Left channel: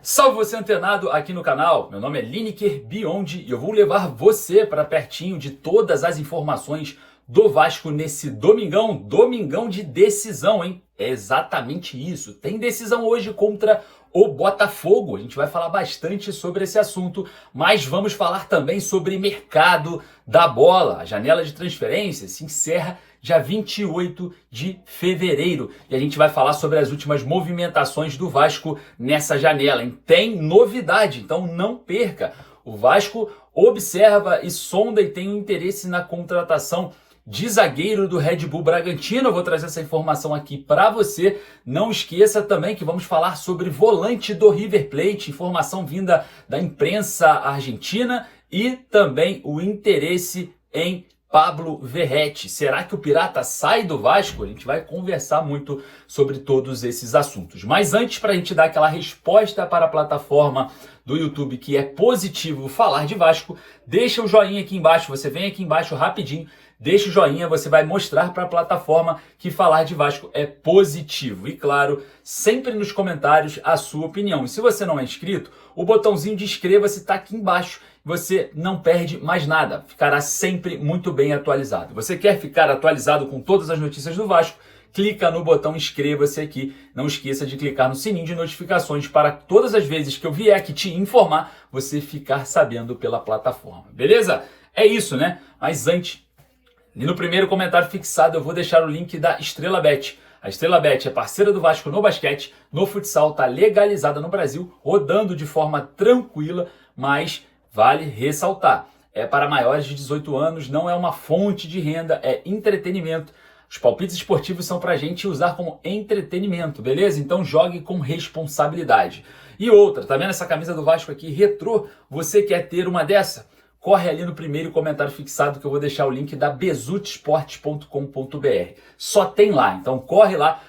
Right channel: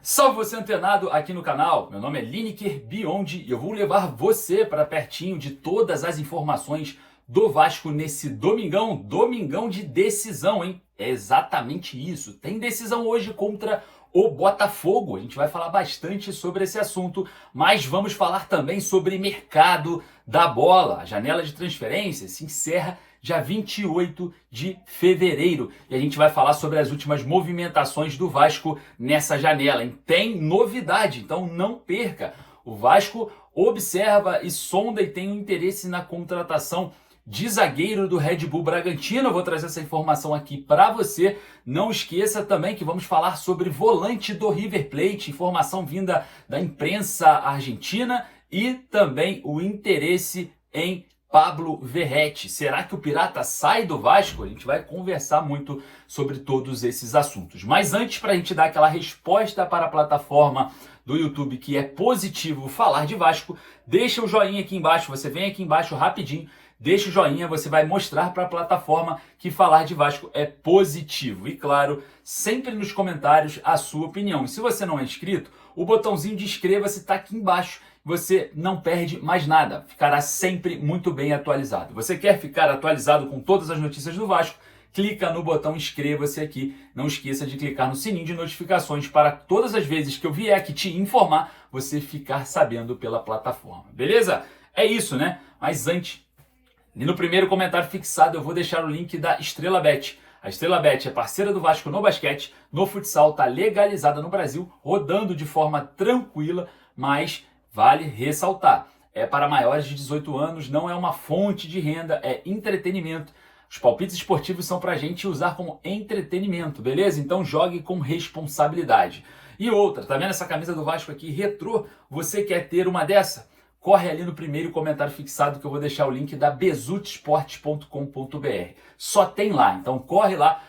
Salve você antenado aqui no canal, meu nome é Lineker Beyond e eu vou levar você para pertinho de todas as informações do Vasco nesse domingão de decisão, hein? É exatamente isso, tem decisão hoje contra o Botafogo, a gente vai falar bastante sobre esse assunto, mas vamos falar também sobre mercado da bola. A janela de transferência se encerra dia 28 de fevereiro. E a gente vai falar sobre as últimas movimentações do Vasco nessa janela, hein? Tem novidade, então não perca. O Vasco observa e sonda e tem um interesse na contratação de zagueiro do Red Bull Bragantino. Eu vou trazer essa informação aqui para você. Não esqueça também que vamos falar sobre volante do River Plate, informação vinda da imprensa argentina e também o interesse em Pablo Verratti. Será que o Pirata sai do Vasco? A gente vai conversar muito sobre todos esses assuntos. Mas antes, para a gente dar aquela resposta para a plataforma do YouTube que é positivo falar de Vasco, deixa o joinha aqui embaixo. Você vem aqui embaixo rapidinho, deixa o joinha, você vai mostrar para a plataforma que falar de Vasco é positivo. E claro, sempre nos comentários a sua opinião. E se você não é inscrito, o botãozinho de inscreva-se está aqui embaixo. Você não perde mais nada, ficará sempre muito bem atualizado. Você quer ficar atualizado com todas as notícias do Vasco? Clica no botão inscreva-se aqui. Não esqueça de clicar no sininho de notificações para todas as vezes que eu vier aqui te informar, você ficar sabendo pela plataforma. Beleza? É isso, né? Mas antes, e no primeiro comentário fixado eu vou deixar o link da Estrela Bet. A Estrela Bet é parceira do Vasco no basquete, no futsal, está legalizada no Brasil, rodando de forma tranquila, mas vale ressaltar, é para maiores de 18 anos, não é uma fonte de renda, é entretenimento. Os palpites esportivos são para a gente usar como entretenimento, beleza? Então jogue com responsabilidade. E outra, tá vendo essa camisa do Vasco aqui, retrô? Você quer ter uma dessa? Corre ali no primeiro comentário fixado que eu vou deixar o link da bezutesportes.com.br. Só tem lá, então corre lá,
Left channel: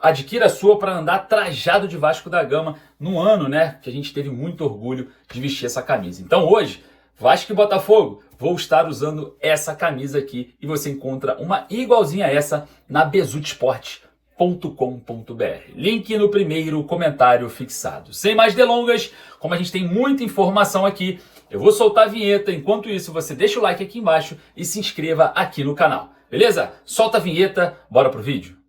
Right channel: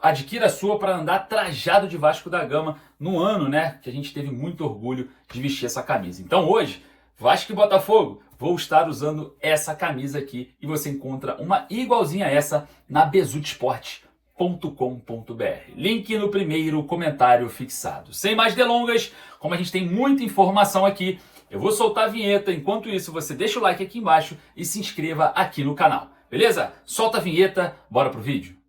adquira a sua para andar trajado de Vasco da Gama no ano, né, que a gente teve muito orgulho de vestir essa camisa. Então hoje, Vasco e Botafogo, vou estar usando essa camisa aqui e você encontra uma igualzinha a essa na bezutesportes.com.br. Link no primeiro comentário fixado. Sem mais delongas, como a gente tem muita informação aqui, eu vou soltar a vinheta. Enquanto isso, você deixa o like aqui embaixo e se inscreva aqui no canal. Beleza? Solta a vinheta, bora pro vídeo.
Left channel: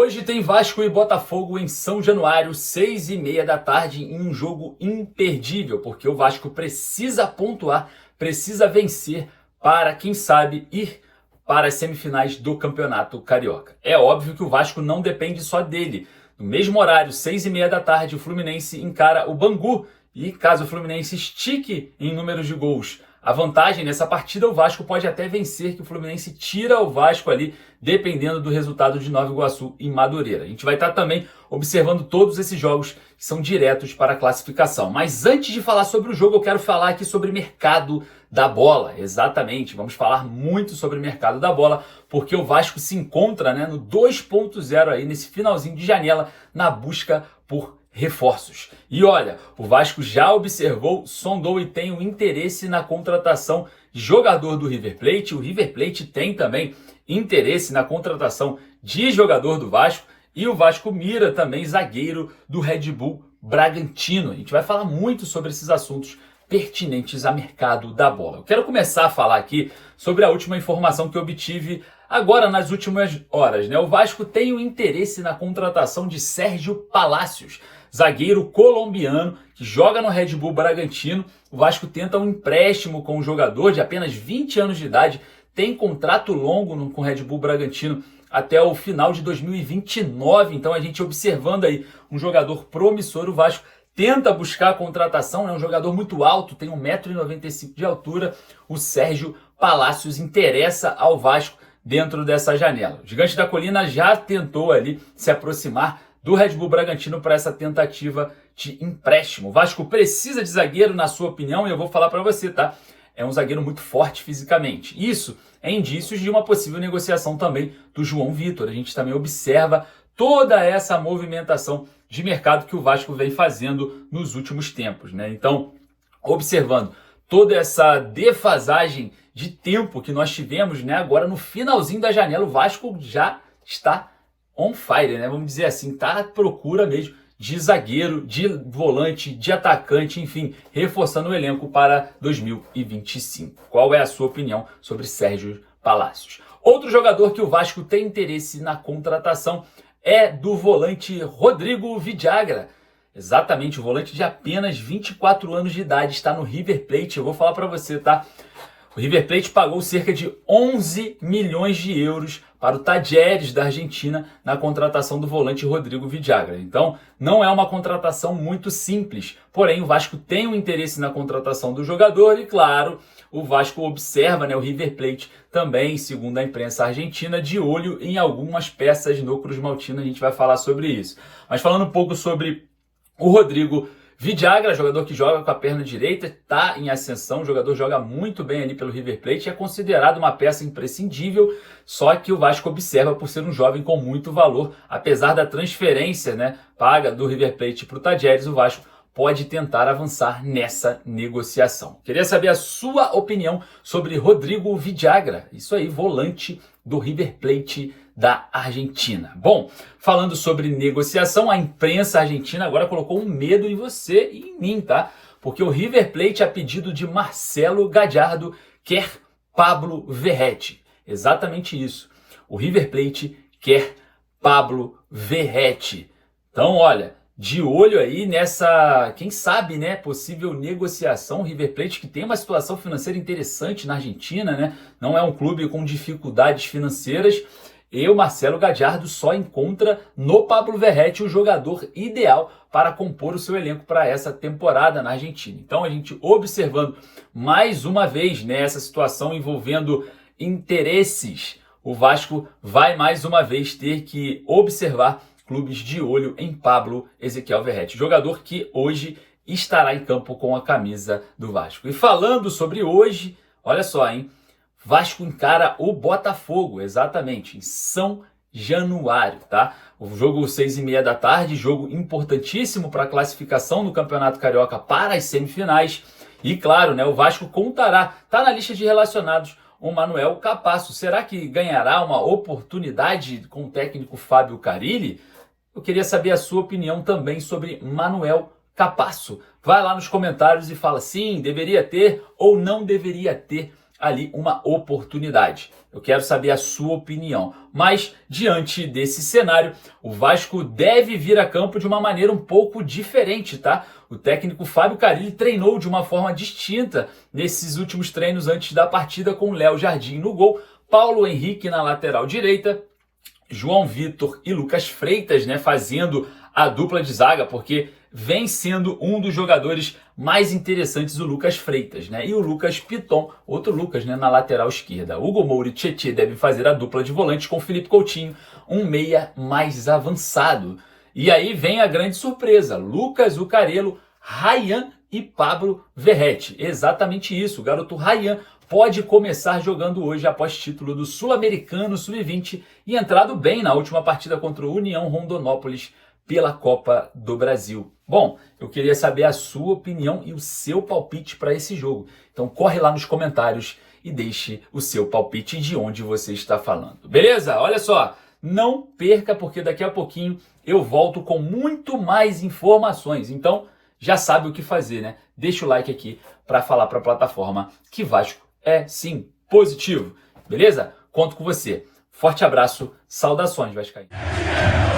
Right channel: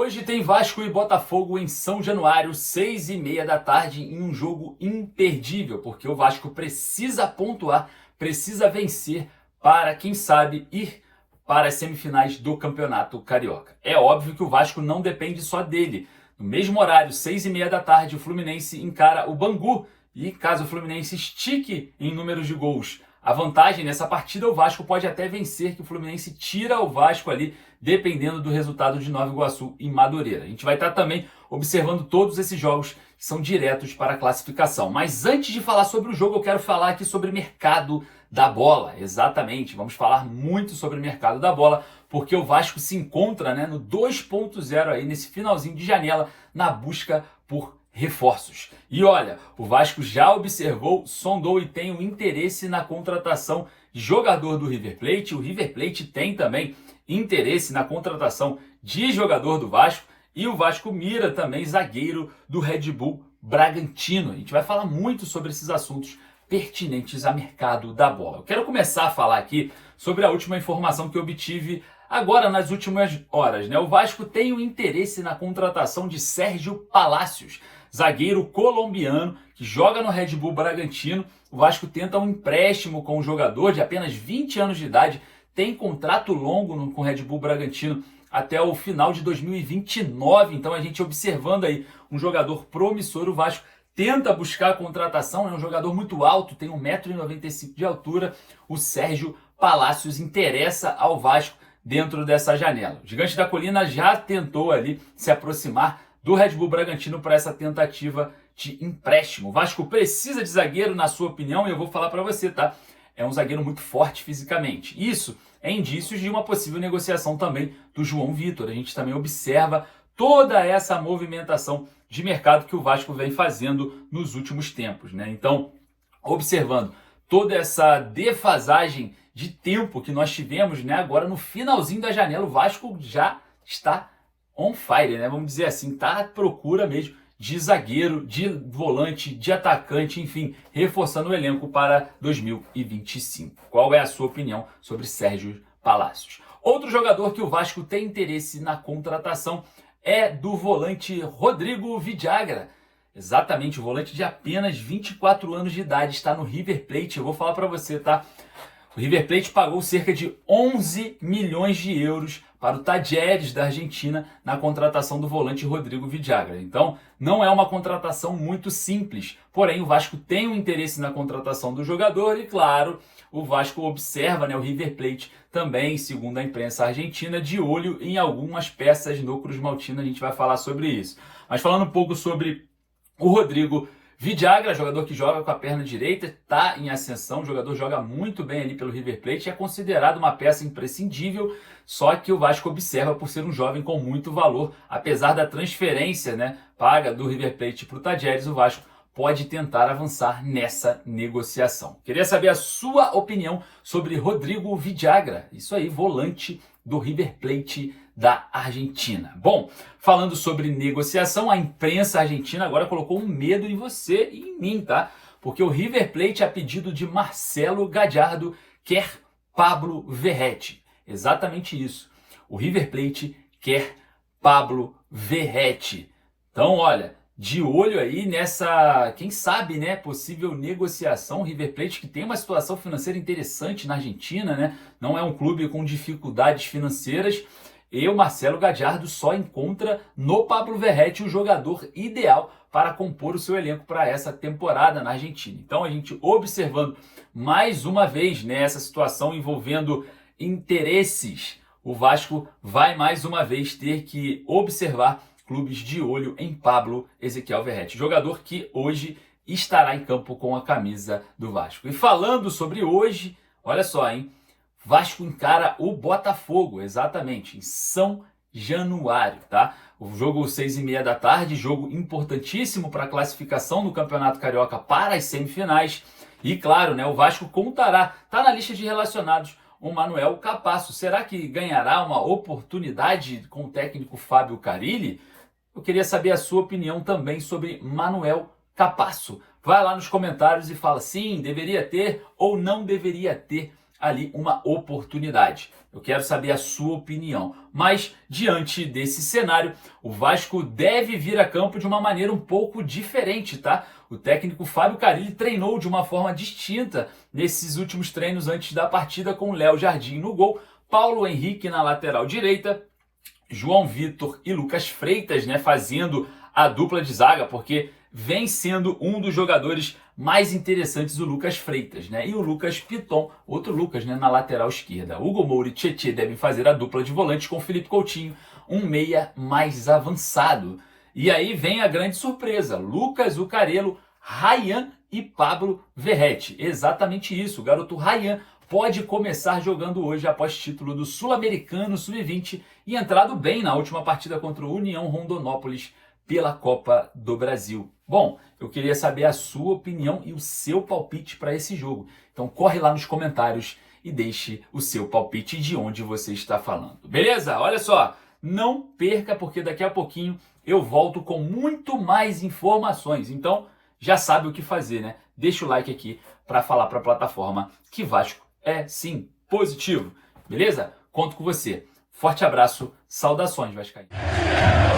Hoje tem Vasco e Botafogo em São Januário, 6h30 da tarde, em um jogo imperdível, porque o Vasco precisa pontuar, precisa vencer para, quem sabe, ir para as semifinais do Campeonato Carioca. É óbvio que o Vasco não depende só dele. No mesmo horário, 6h30 da tarde, o Fluminense encara o Bangu. E caso o Fluminense estique em números de gols a vantagem nessa partida, o Vasco pode até vencer, que o Fluminense tira o Vasco ali, dependendo do resultado de Nova Iguaçu e Madureira. A gente vai estar também observando todos esses jogos que são diretos para a classificação. Mas antes de falar sobre o jogo, eu quero falar aqui sobre mercado da bola. Exatamente, vamos falar muito sobre o mercado da bola, porque o Vasco se encontra, né, no 2.0 aí, nesse finalzinho de janela, na busca por reforços. E olha, o Vasco já observou, sondou e tem um interesse na contratação de jogador do River Plate. O River Plate tem também interesse na contratação de jogador do Vasco e o Vasco mira também zagueiro do Red Bull Bragantino. A gente vai falar muito sobre esses assuntos pertinentes ao mercado da bola. Eu quero começar a falar aqui sobre a última informação que eu obtive agora nas últimas horas, né? O Vasco tem um interesse na contratação de Sérgio Palacios, zagueiro colombiano que joga no Red Bull Bragantino. O Vasco tenta um empréstimo com o jogador de apenas 20 anos de idade, tem contrato longo com o Red Bull Bragantino até o final de 2029. Então a gente observando aí um jogador promissor. O Vasco tenta buscar a contratação, é um jogador muito alto, tem 1,95 m de altura. O Sérgio Palacios interessa ao Vasco dentro dessa janela. O Gigante da Colina já tentou ali se aproximar do Red Bull Bragantino para essa tentativa de empréstimo. O Vasco precisa de zagueiro, na sua opinião, e eu vou falar para você, tá? É um zagueiro muito forte fisicamente. Isso é indícios de uma possível negociação também do João Vitor. A gente também observa toda essa movimentação de mercado que o Vasco vem fazendo nos últimos tempos, né? Então, observando toda essa defasagem de tempo que nós tivemos, né? Agora no finalzinho da janela, o Vasco já está on fire, né? Vamos dizer assim, tá à procura mesmo de zagueiro, de volante, de atacante, enfim, reforçando o elenco para 2025. Qual é a sua opinião sobre Sérgio Palácios? Outro jogador que o Vasco tem interesse na contratação é do volante Rodrigo Vidagra. Exatamente, o volante de apenas 24 anos de idade está no River Plate. Eu vou falar para você, tá? O River Plate pagou cerca de 11 milhões de euros para o Talleres da Argentina na contratação do volante Rodrigo Vidagra. Então, não é uma contratação muito simples. Porém, o Vasco tem um interesse na contratação do jogador e, claro, o Vasco observa, né, o River Plate também, segundo a imprensa argentina, de olho em algumas peças no Cruz Maltino. A gente vai falar sobre isso. Mas falando um pouco sobre o Rodrigo Vidagra, jogador que joga com a perna direita, está em ascensão, o jogador joga muito bem ali pelo River Plate, é considerado uma peça imprescindível, só que o Vasco observa por ser um jovem com muito valor, apesar da transferência, né, paga do River Plate para o Talleres, o Vasco pode tentar avançar nessa negociação. Queria saber a sua opinião sobre Rodrigo Vidagra, isso aí, volante do River Plate da Argentina. Bom, falando sobre negociação, a imprensa argentina agora colocou um medo em você e em mim, tá? Porque o River Plate, a pedido de Marcelo Gallardo, quer Pablo Verratti. Exatamente isso. O River Plate quer Pablo Verratti. Então, olha, de olho aí nessa, quem sabe, né, possível negociação. O River Plate que tem uma situação financeira interessante na Argentina, né? Não é um clube com dificuldades financeiras. E o Marcelo Gallardo só encontra no Pablo Verratti o jogador ideal para compor o seu elenco para essa temporada na Argentina. Então a gente observando mais uma vez, né, essa situação envolvendo interesses, o Vasco vai mais uma vez ter que observar clubes de olho em Pablo Ezequiel Verratti, jogador que hoje estará em campo com a camisa do Vasco. E falando sobre hoje, olha só, hein? Vasco encara o Botafogo, exatamente, em São Januário, tá? O jogo 6h30 da tarde, jogo importantíssimo para a classificação no Campeonato Carioca para as semifinais. E claro, né, o Vasco contará, tá na lista de relacionados, o Manuel Capasso. Será que ganhará uma oportunidade com o técnico Fábio Carille? Eu queria saber a sua opinião também sobre Manuel Capasso. Vai lá nos comentários e fala sim, deveria ter ou não deveria ter ali uma oportunidade. Eu quero saber a sua opinião. Mas, diante desse cenário, o Vasco deve vir a campo de uma maneira um pouco diferente, tá? O técnico Fábio Carille treinou de uma forma distinta nesses últimos treinos antes da partida, com Léo Jardim no gol, Paulo Henrique na lateral direita, João Vitor e Lucas Freitas, né, fazendo a dupla de zaga, porque vem sendo um dos jogadores mais interessantes o Lucas Freitas, né? E o Lucas Piton, outro Lucas, né, na lateral esquerda. Hugo Moura e Tietê devem fazer a dupla de volante com Felipe Coutinho, um meia mais avançado. E aí vem a grande surpresa, Lucas Zuccarello, Ryan e Pablo Verratti. Exatamente isso, o garoto Ryan pode começar jogando hoje após título do Sul-Americano Sub-20 e entrado bem na última partida contra o União Rondonópolis pela Copa do Brasil. Bom, eu queria saber a sua opinião e o seu palpite para esse jogo. Então corre lá nos comentários e deixe o seu palpite de onde você está falando. Beleza? Olha só, não perca porque daqui a pouquinho eu volto com muito mais informações. Então já sabe o que fazer, né? Deixa o like aqui para falar para a plataforma que Vasco é sim positivo. Beleza? Conto com você. Forte abraço, saudações vascaínos.